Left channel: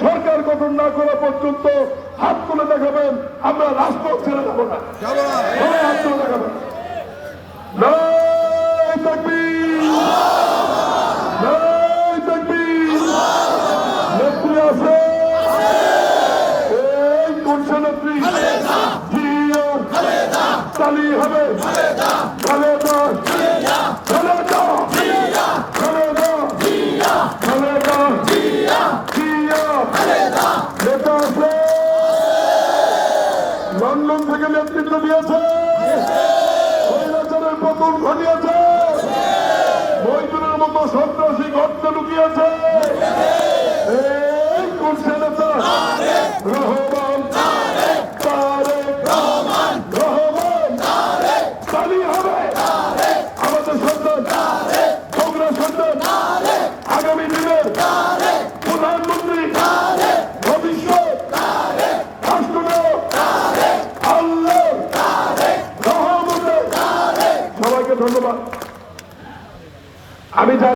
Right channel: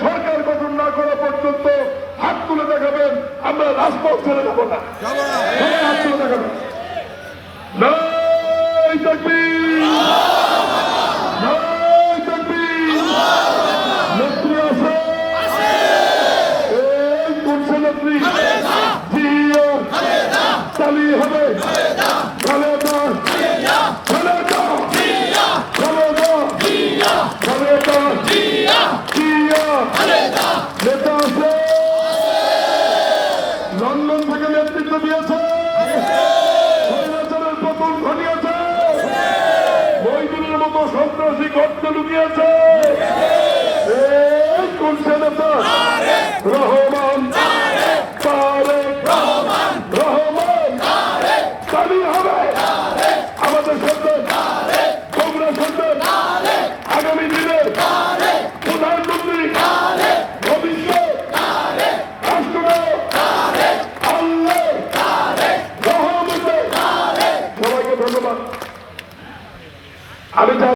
সরকার গঠন না করা পর্যন্ত হাত তুলে দেখাবেন, আমরা রাজপথ ছেড়ে যাবো না। হাত তুলে দেখাবেন। জয় তাকবীর, জয় তাকবীর। নেত্রী আছে, এই কোনসা নেত্রী? জিয়া চালি হবে, খালেদা খালেদা খালেদা খালেদা জিয়া নেতা আছে, লন্ডন থেকে নেতৃত্ব দিয়েছে, স্বৈরাচারের পতন ঘটিয়েছে, মহিদুলের মতো সন্ত্রাসী ঘটনা লুকিয়েছে। এই কোন নেতা? রহমান রহমান চালি হবে আমাদের সন্তান, তোমরা সন্তান, আগামী দিনের প্রধানমন্ত্রী, ভবিষ্যৎ রাষ্ট্রনায়ক আল্লাহ রহমতে। সবাইকে ধন্যবাদ। আমি